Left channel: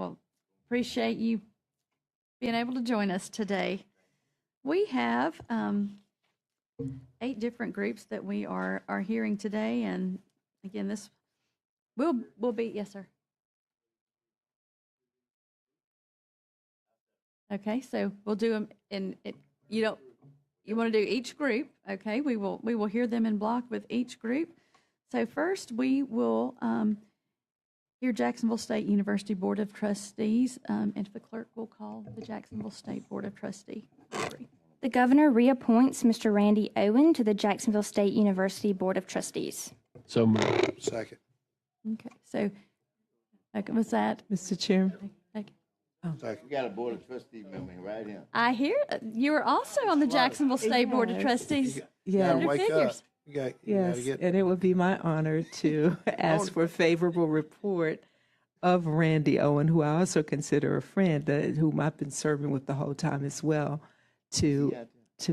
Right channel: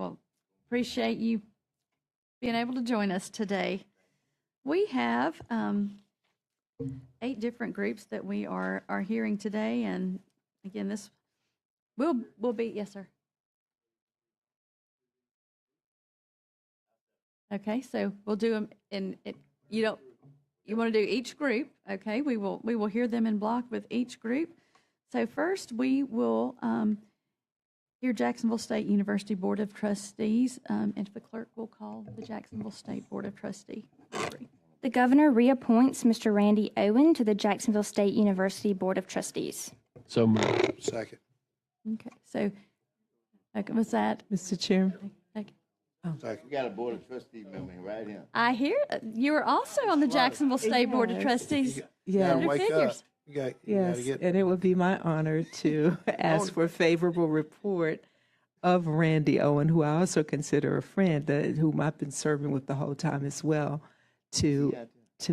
Well, appreciate you being able to join us today. We have 8 different groups that we are hearing today, and again, this will be yes, sir. Okay, so we'll do them you want to do each group. Okay, we will hear them in block with each group. So first, we will hear Jacksonville State University Board of Trustees, and if the clerk will call the Jacksonville State Board of Trustees. The governor reappoints Mr. Randy Owen to the Jacksonville State University Board of Trustees. So moved. Second. Okay, so was that? Mr. Chairman. Second. You got a board of trustee member right here. I hear you are also on the Jacksonville State Board of Trustees. Yeah. Senator Wake Figures. up. You gotta Yes, get and it would be my honor to ask for a favorable report of Randy Owen, who I also consider a friend, whom I've been serving with the whole time as well, to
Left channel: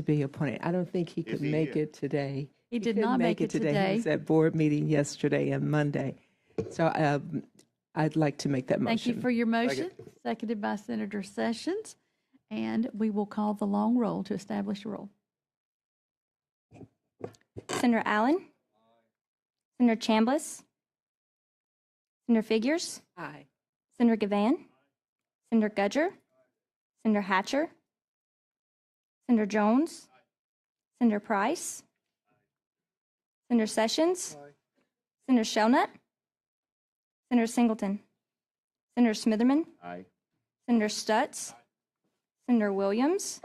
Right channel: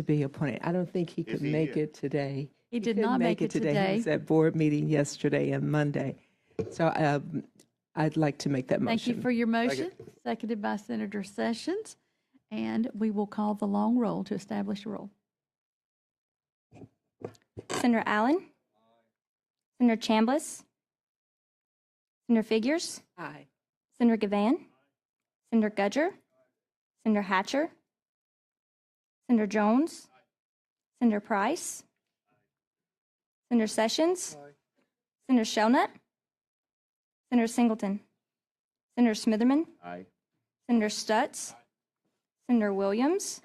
be appointed. I don't think he could make it today. He did couldn't not make it He today. was at board meeting yesterday and Monday. So I'd like to make that motion. Thank you for your motion, seconded by Senator Sessions, and we will call the long roll to establish a roll. Senator Allen? Senator Chambliss? Senator Figures? Aye. Senator Gavan? Senator Gudger? Senator Hatcher? Senator Jones? Senator Price? Senator Sessions? Senator Shelnut? Senator Singleton? Senator Smitherman? Aye. Senator Stutz? Senator Williams?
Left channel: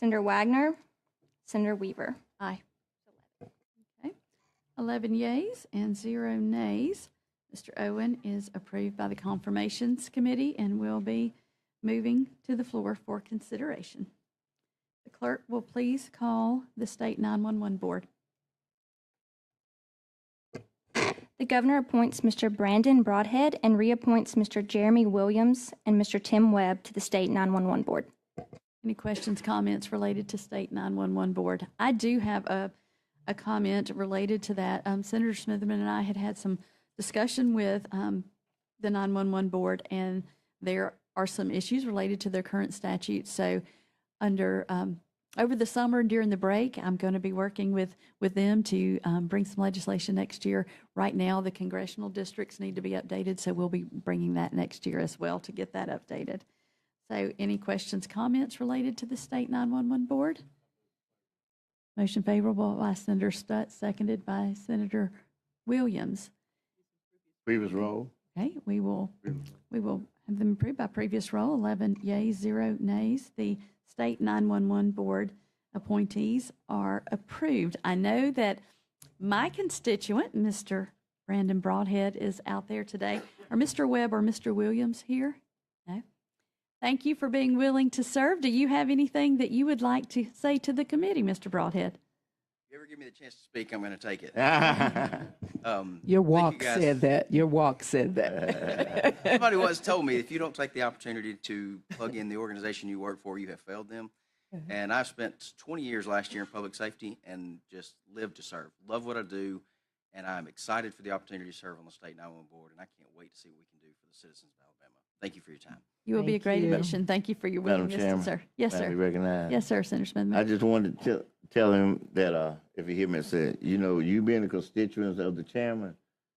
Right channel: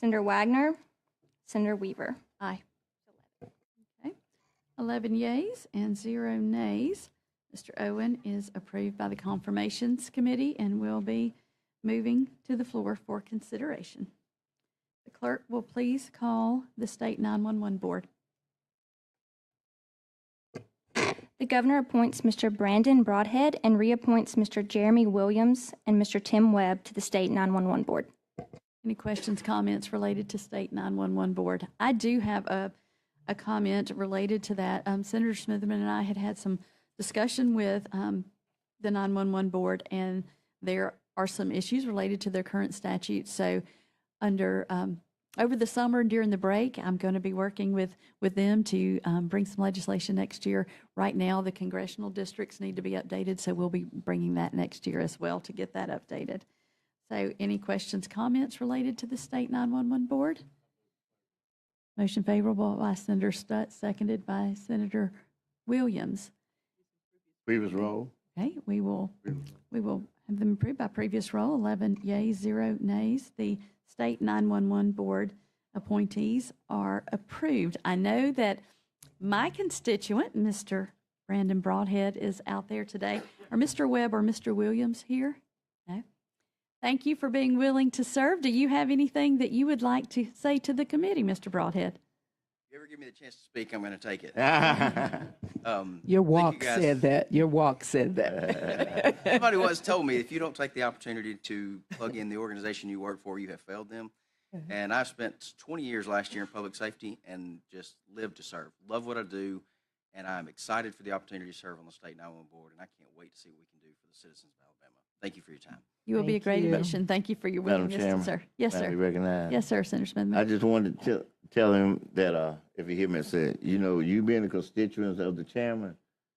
Senator Wagner? Senator Weaver? Aye. 11 yeas and 0 nays. Mr. Owen is approved by the Confirmations Committee and will be moving to the floor for consideration. The clerk will please call the State 911 Board. The governor appoints Mr. Brandon Broadhead and reappoints Mr. Jeremy Williams and Mr. Tim Webb to the State 911 Board. Any questions, comments related to State 911 Board? I do have a comment related to that. Senator Smitherman and I had some discussion with the 911 Board, and there are some issues related to their current statute. So over the summer and during the break, I'm going to be working with them to bring some legislation next year. Right now, the congressional districts need to be updated, so we'll be bringing that next year as well to get that updated. So any questions, comments related to the State 911 Board? Motion favorable by Senator Stutz, seconded by Senator Williams. Previous roll. Okay, we will have them approved by previous roll. 11 yeas, 0 nays. The State 911 Board appointees are approved. I know that my constituent, Mr. Brandon Broadhead, is out there today. Are Mr. Webb or Mr. Williams here? No. Thank you for being willing to serve. Do you have anything that you would like to say to the committee, Mr. Broadhead? If you ever give me the chance to speak, I'm going to take it. Your Thank you, walk guys. said that. Your walk said that. Somebody once told me if you don't take the opportunity to plug in the organization you work for, you have failed them. And I spent 20 years last year in public safety and just lived to serve. Love what I do, and I'm excited for the opportunity to serve on the State 911 Board, and I can't wait to see what we can do for the citizens of Alabama. Thank you for your time. You will be a Thank great you. addition. Thank you for your Madam willingness to Chairman, serve. Yes, Can I be sir. recognized? Yes, sir, Senator Smith. I just wanted to tell him that if you hear me say, you being a constituent of the chairman,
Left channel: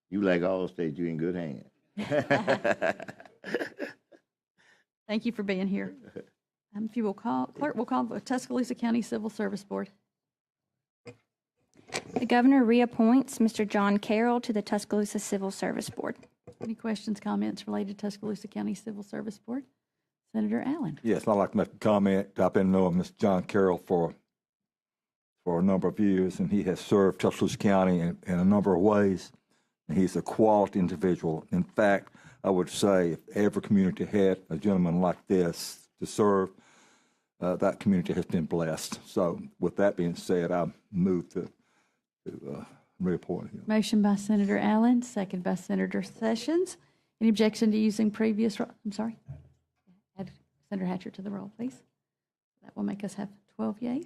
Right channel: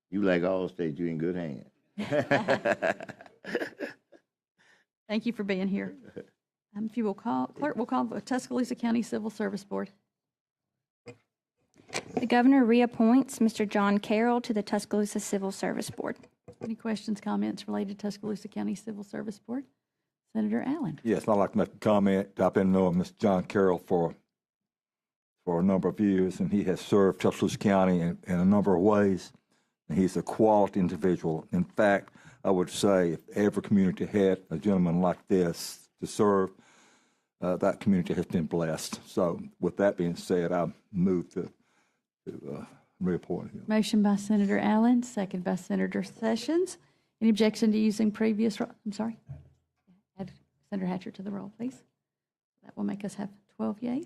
you like all states, you in good hands. Thank you for being here. If you will clerk will call the Tuscaloosa County Civil Service Board. The governor reappoints Mr. John Carroll to the Tuscaloosa Civil Service Board. Any questions, comments related to Tuscaloosa County Civil Service Board? Senator Allen. Yes, I'd like to make a comment. I've been knowing Mr. John Carroll for a number of years, and he has served Tuscaloosa County in a number of ways. And he's a quality individual. In fact, I would say if every community had a gentleman like this to serve, that community has been blessed. So with that being said, I move to reappoint him. Motion by Senator Allen, second by Senator Sessions. Any objection to using previous, I'm sorry? Add Senator Hatcher to the roll, please. That will make us have 12 yeas.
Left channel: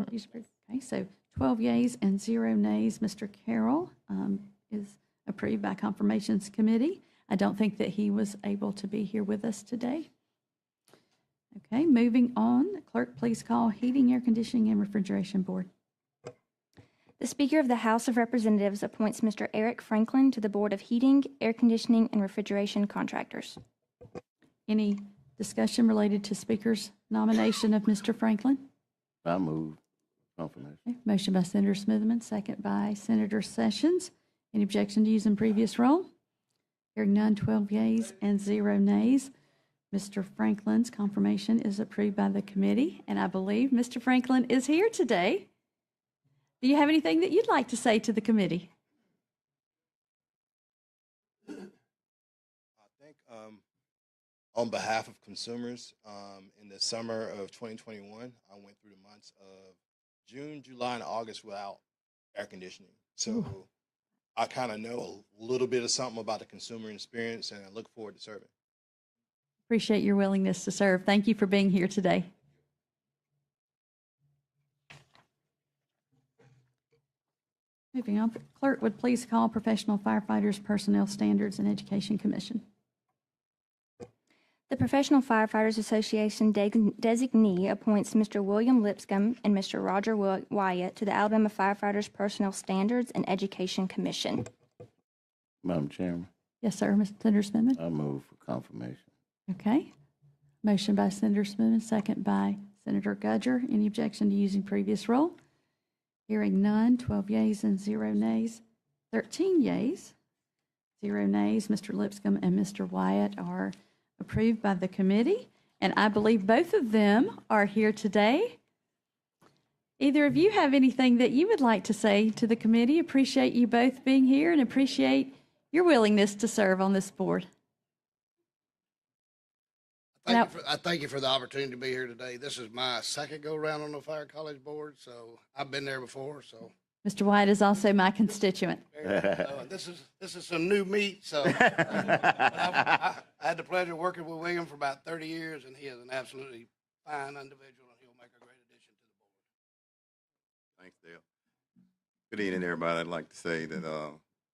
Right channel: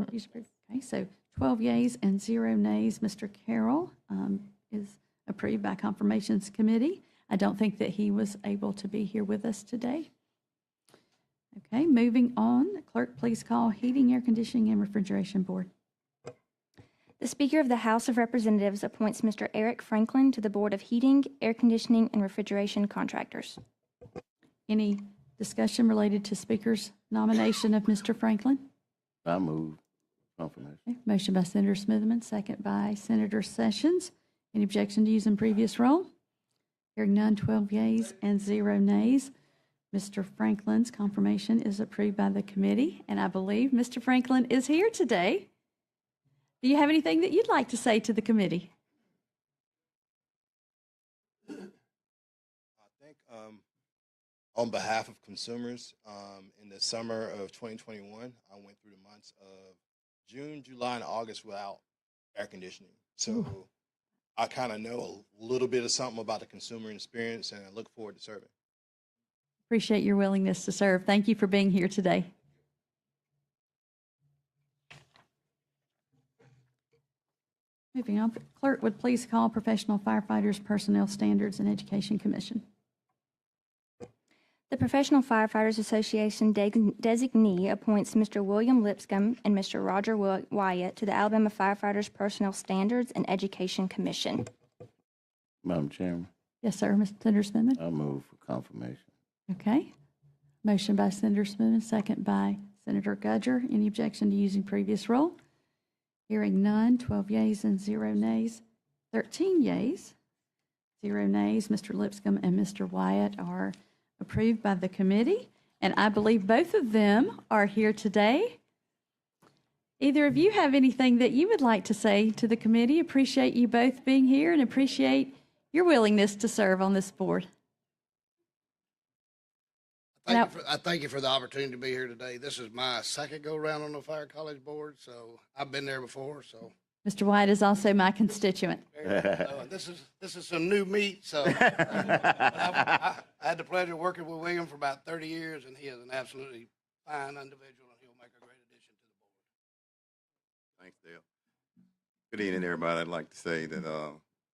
Okay, so 12 yeas and 0 nays. Mr. Carroll is approved by Confirmations Committee. I don't think that he was able to be here with us today. Okay, moving on. Clerk, please call Heating, Air Conditioning, and Refrigeration Board. The Speaker of the House of Representatives appoints Mr. Eric Franklin to the Board of Heating, Air Conditioning, and Refrigeration Contractors. Any discussion related to Speaker's nomination of Mr. Franklin? I move confirmation. Okay, motion by Senator Smitherman, second by Senator Sessions. Any objection to using previous role? Hearing none, 12 yeas and 0 nays. Mr. Franklin's confirmation is approved by the committee, and I believe Mr. Franklin is here today. Do you have anything that you'd like to say to the committee? I think on behalf of consumers, in the summer of 2021, I went through the months of June, July, and August without air conditioning. So I kind of know a little bit of something about the consumer experience, and I look forward to serving. Appreciate your willingness to serve. Thank you for being here today. Moving on, clerk would please call Professional Firefighters Personnel Standards and Education Commission. The Professional Firefighters Association designee appoints Mr. William Lipscomb and Mr. Roger Wyatt to the Alabama Firefighters Personnel Standards and Education Commission. Madam Chairman, Yes, sir, Mr. Senator Smithman. I move for confirmation. Okay. Motion by Senator Smithman, second by Senator Gudger. Any objection to using previous role? Hearing none, 12 yeas and 0 nays. 13 yeas, 0 nays. Mr. Lipscomb and Mr. Wyatt are approved by the committee, and I believe both of them are here today. Either of you have anything that you would like to say to the committee? Appreciate you both being here and appreciate your willingness to serve on this board. I thank you for the opportunity to be here today. This is my second go-around on the Fire College Board, so I've been there before. So Mr. White is also my constituent. this is some new meat. So I had the pleasure of working with William for about 30 years, and he is an absolutely fine individual, and he'll make a great addition to the board. Thanks, Dale. Good evening, everybody. I'd like to say that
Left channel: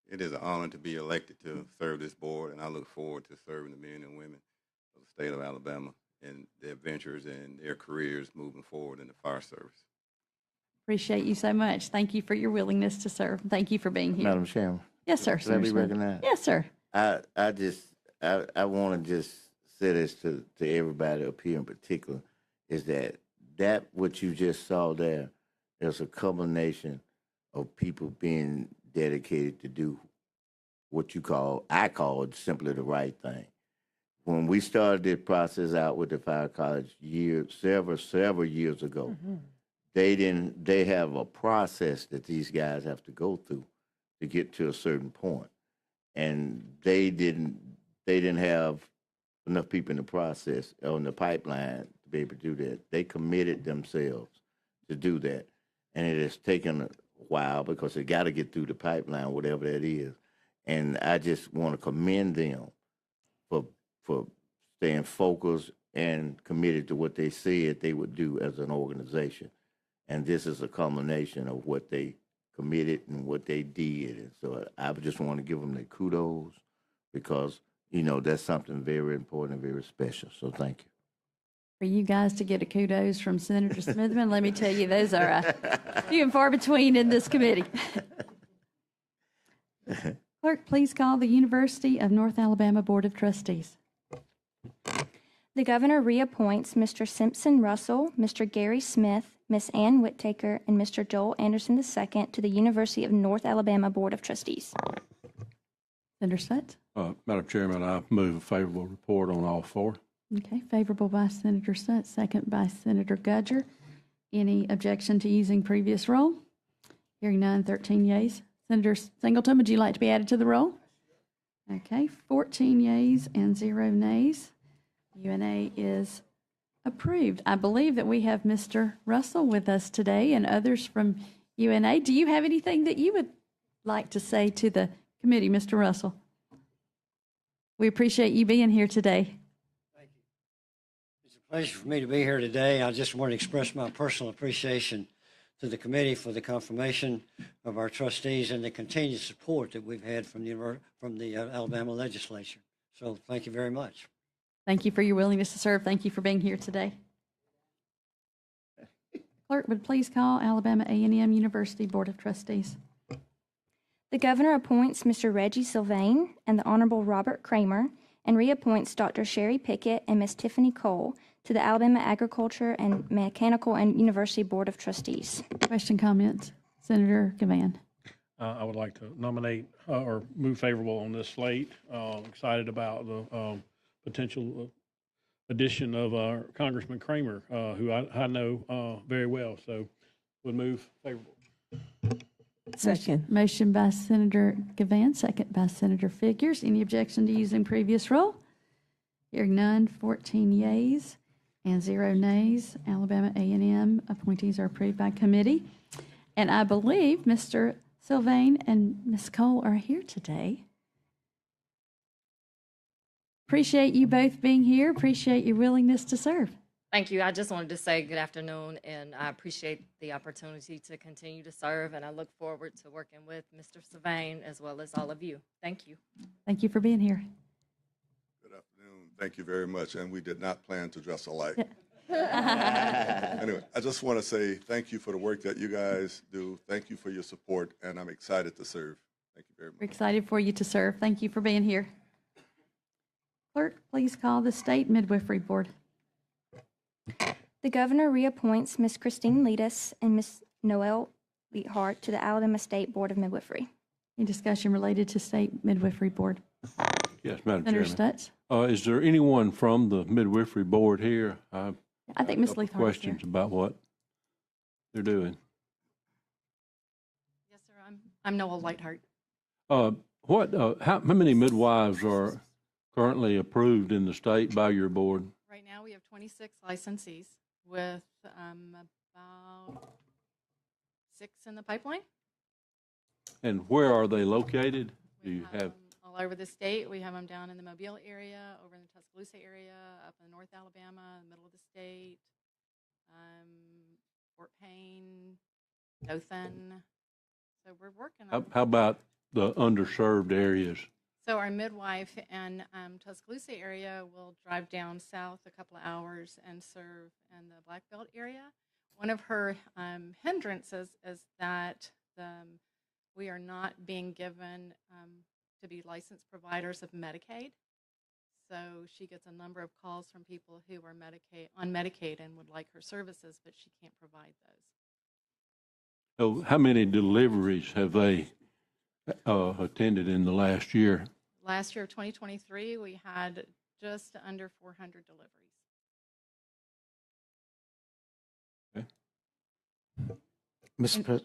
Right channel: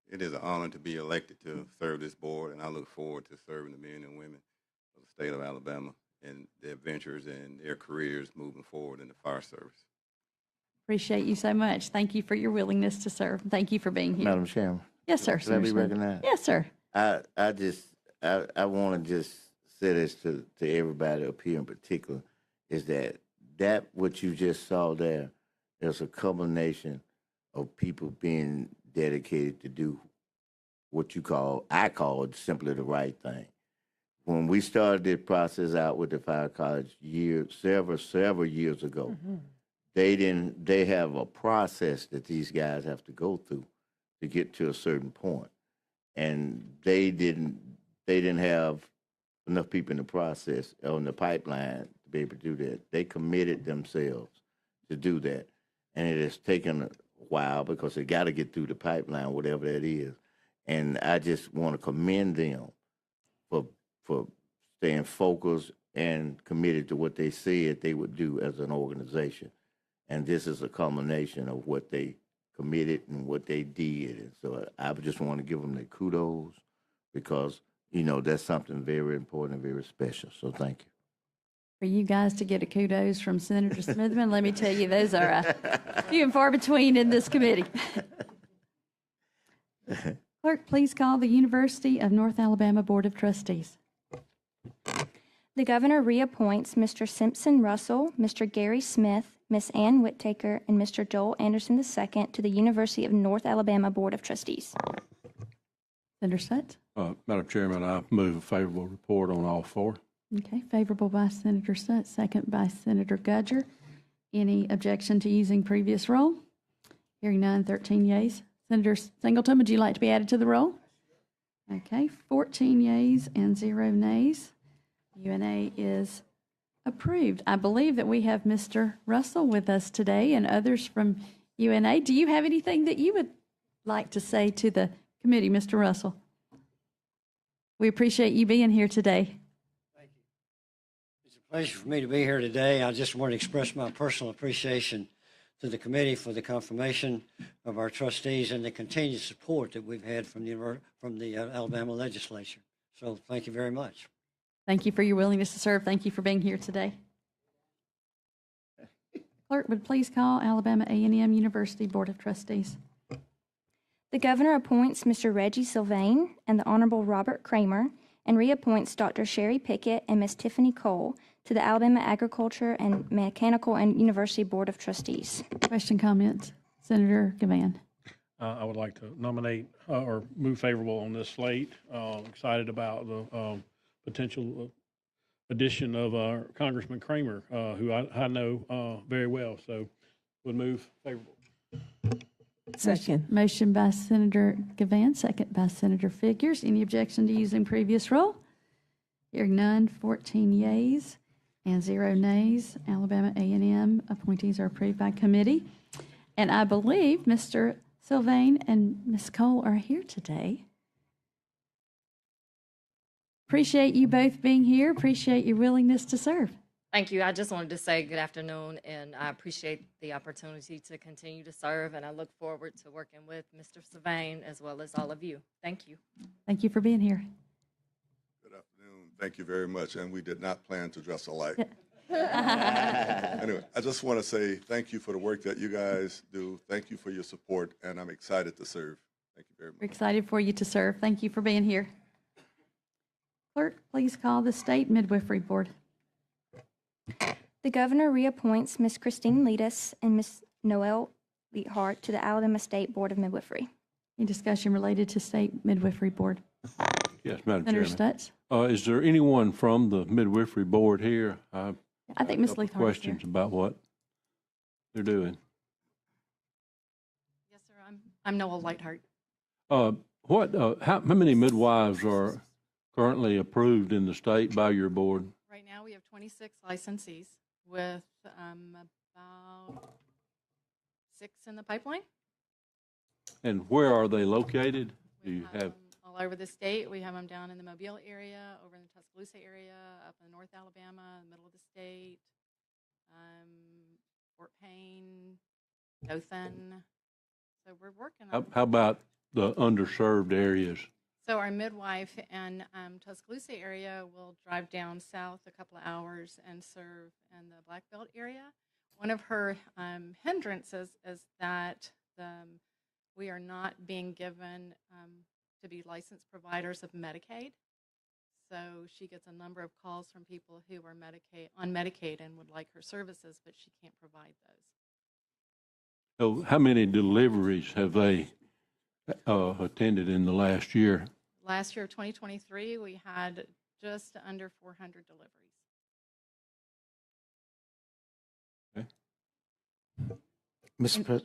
it is an honor to be elected to serve this board, and I look forward to serving the men and women of the state of Alabama and their ventures and their careers moving forward in the fire service. Appreciate you so much. Thank you for your willingness to serve. Thank you for being here. Madam Chairman, Yes, sir. can I be Senator Smith. recognized? Yes, sir. I want to just say this to everybody up here in particular, is that what you just saw there is a combination of people being dedicated to do what I call simply the right thing. When we started this process out with the Fire College several years ago, they have a process that these guys have to go through to get to a certain point. And they didn't have enough people in the process, on the pipeline, to be able to do that. They committed themselves to do that. And it has taken a while because they got to get through the pipeline, whatever that is. And I just want to commend them for staying focused and committed to what they said they would do as an organization. And this is a culmination of what they committed and what they did. And so I just want to give them the kudos because, that's something very important and very special. So thank you. For you guys to get a kudos from Senator Smithman, let me tell you, those are few and far between in this committee. Clerk, please call the University of North Alabama Board of Trustees. The governor reappoints Mr. Simpson Russell, Mr. Gary Smith, Ms. Ann Whittaker, and Mr. Joel Anderson II to the University of North Alabama Board of Trustees. Senator Sutts. Madam Chairman, I move a favorable report on all four. Okay, favorable by Senator Sutts, second by Senator Gudger. Any objection to using previous roll? Hearing none, 13 yeas. Senator Singleton, would you like to be added to the roll? Okay, 14 yeas and 0 nays. UNA is approved. I believe that we have Mr. Russell with us today and others from UNA. Do you have anything that you would like to say to the committee, Mr. Russell? We appreciate you being here today. Thank you. It's a pleasure for me to be here today. I just want to express my personal appreciation to the committee for the confirmation of our trustees and the continued support that we've had from the Alabama legislature. So thank you very much. Thank you for your willingness to serve. Thank you for being here today. Clerk, would please call Alabama A&M University Board of Trustees. The governor appoints Mr. Reggie Sylvain and the Honorable Robert Kramer and reappoints Dr. Sherry Pickett and Ms. Tiffany Cole to the Alabama Agriculture and Mechanical and University Board of Trustees. Question, comments? Senator Gavan. I would like to nominate or move favorable on this slate. Excited about the potential addition of Congressman Kramer, who I know very well. So would move favorable. Second. Motion by Senator Gavan, second by Senator Figures. Any objection to using previous roll? Hearing none, 14 yeas and 0 nays. Alabama A&M appointees are approved by committee. And I believe Mr. Sylvain and Ms. Cole are here today. Appreciate you both being here. Appreciate your willingness to serve. Thank you. I just wanted to say good afternoon, and I appreciate the opportunity to continue to serve, and I look forward to working with Mr. Sylvain as well as all of you. Thank you. Thank you for being here. Good afternoon. Thank you very much, and we did not plan to dress alike. Anyway, I just want to say thank you for the work that you guys do. Thank you for your support, and I'm excited to serve. Thank you very much. We're excited for you to serve. Thank you for being here. Clerk, please call the State Midwifery Board. The governor reappoints Ms. Christine Letus and Ms. Noelle Leithart to the Alabama State Board of Midwifery. Any discussion related to State Midwifery Board? Yes, Madam Senator Chairman. Stutz? Is there anyone from the Midwifery Board here? I think Ms. Leithart is here. Questions about what they're doing. Yes, sir. I'm Noel Lightheart. How many midwives are currently approved in the state by your board? Right now, we have 26 licensees with about 6 in the pipeline. And where are they located? Do We you have have, them all over the state. We have them down in the Mobile area, over in the Tuscaloosa area, up in North Alabama, in the middle of the state, Fort Payne, Dothan. So we're working on how about the underserved areas? So our midwife in Tuscaloosa area will drive down south a couple of hours and serve in the Black Belt area. One of her hindrances is that we are not being given to be licensed providers of Medicaid. So she gets a number of calls from people who are on Medicaid and would like her services, but she can't provide those. So how many deliveries have they attended in the last year? Last year, 2023, we had just under 400 deliveries. Mr.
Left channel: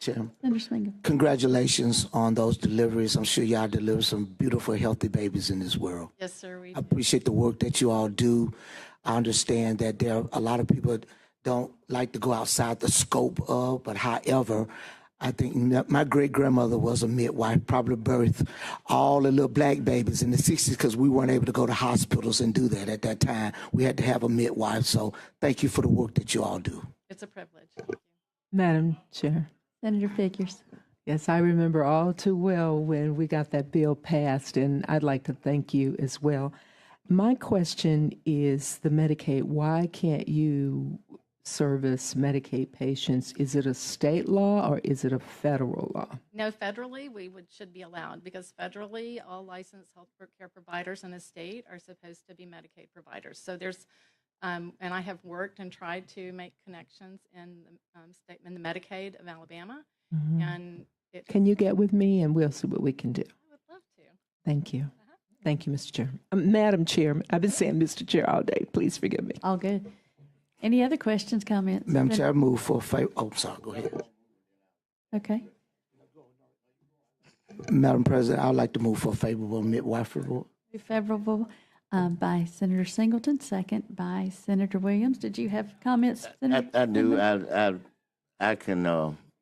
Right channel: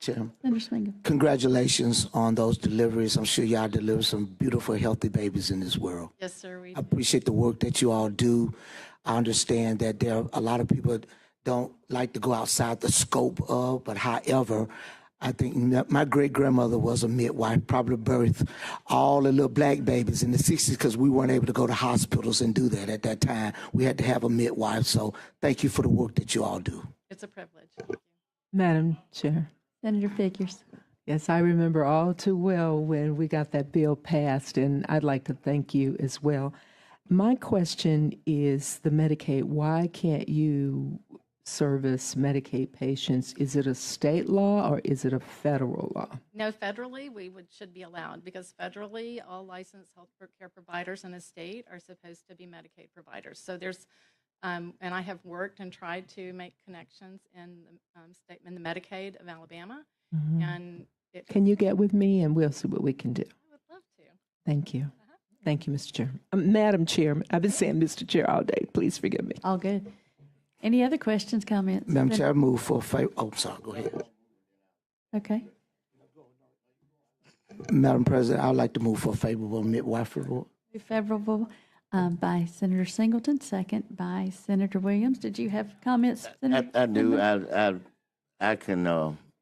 Chairman, Senator Smingham. congratulations on those deliveries. I'm sure y'all delivered some beautiful, healthy babies in this world. Yes, sir. We I appreciate the work that you all do. I understand that there are a lot of people that don't like to go outside the scope of, but however, I think that my great-grandmother was a midwife, probably birthed all the little black babies in the 60s because we weren't able to go to hospitals and do that at that time. We had to have a midwife. So thank you for the work that you all do. It's a privilege. Madam Chair. Senator Figures. Yes, I remember all too well when we got that bill passed, and I'd like to thank you as well. My question is the Medicaid. Why can't you service Medicaid patients? Is it a state law or is it a federal law? No, federally, should be allowed because federally, all licensed health care providers in the state are supposed to be Medicaid providers. So there's, and I have worked and tried to make connections in the Medicaid of Alabama. Mm-hmm. And Can you get with me and we'll see what we can do? I would love to. Thank you. Thank you, Mr. Chair. Madam Chair, I've been saying Mr. Chair all day. Please forgive me. All good. Any other questions, comments? Madam Chair, I move for favor. Oh, sorry, go ahead. Okay. Madam President, I'd like to move for favorable midwifery rule. Favorable by Senator Singleton, second by Senator Williams. Did you have comments, Senator? I do.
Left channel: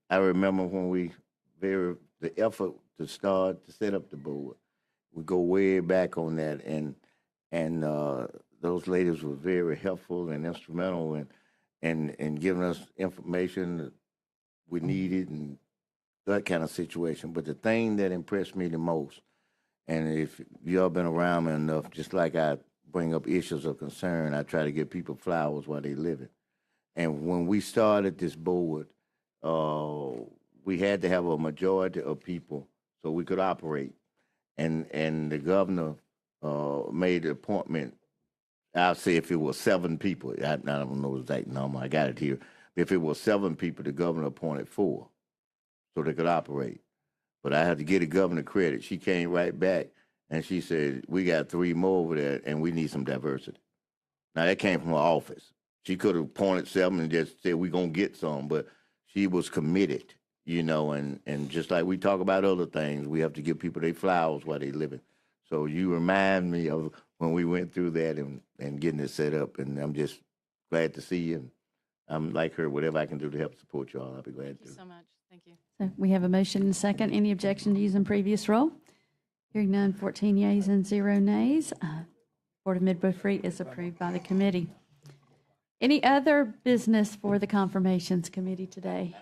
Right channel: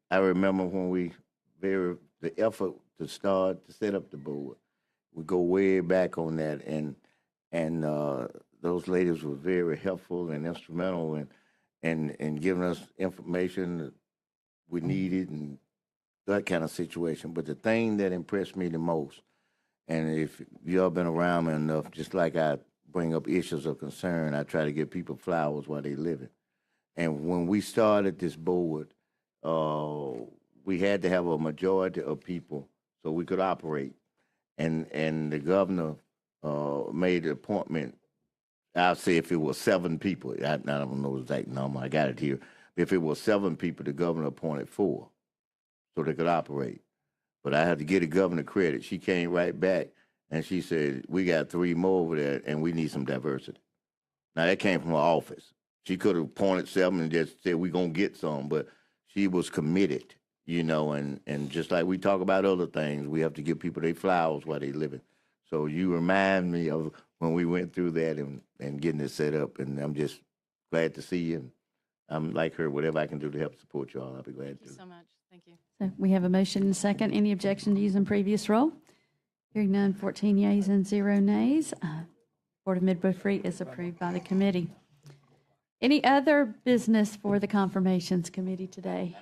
I remember when the effort to start to set up the board. We go way back on that, and those ladies were very helpful and instrumental in giving us information we needed and that kind of situation. But the thing that impressed me the most, and if y'all been around me enough, just like I bring up issues of concern, I try to give people flowers while they living. And when we started this board, we had to have a majority of people so we could operate. And the governor made the appointment. I'll say if it was 7 people, I don't know the exact number, I got it here. If it was 7 people, the governor appointed 4 so they could operate. But I had to give the governor credit. She came right back and she said, we got 3 more over there and we need some diversity. Now that came from her office. She could have appointed 7 and just said, we're going to get some, but she was committed, you know, and just like we talk about other things, we have to give people their flowers while they living. So you remind me of when we went through that and getting it set up, and I'm just glad to see you. I'm like her, whatever I can do to help support y'all, I'll be glad to. Thank you so much. Thank you. So we have a motion and a second. Any objection to using previous roll? Hearing none, 14 yeas and 0 nays. Board of Midwifery is approved by the committee. Any other business for the Confirmations Committee today?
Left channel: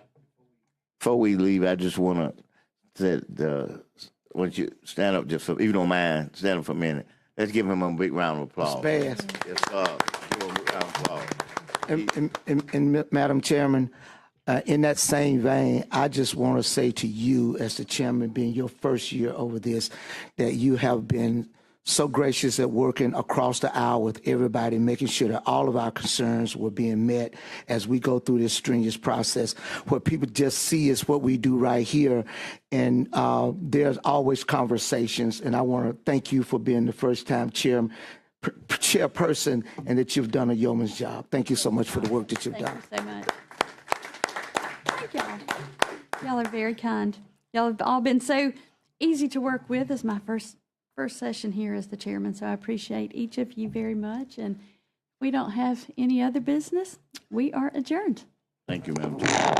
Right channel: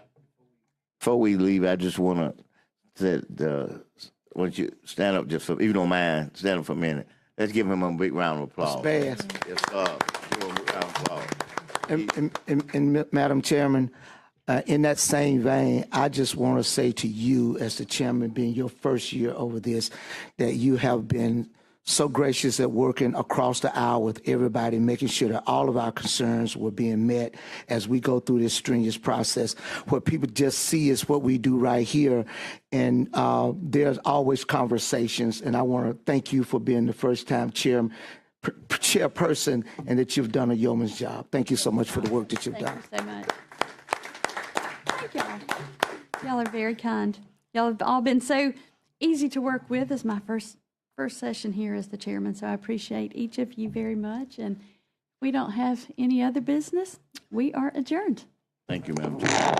Before we leave, I just want to why don't you stand up just for, if you don't mind, stand up for a minute. Let's give him a big round of applause. Yes, Yes, sir. Give him a big round of applause. and Madam Chairman, in that same vein, I just want to say to you, as the chairman, being your first year over this, that you have been so gracious at working across the aisle with everybody, making sure that all of our concerns were being met as we go through this strenuous process. What people just see is what we do right here, and there's always conversations, and I want to thank you for being the first-time chairperson, and that you've done a yeoman's job. Thank you so much for the work that you've done. Thank you so much. Thank y'all. Y'all are very kind. Y'all have all been so easy to work with. This is my first session here as the chairman, so I appreciate each of you very much. And if we don't have any other business, we are adjourned. Thank you, Madam Chair.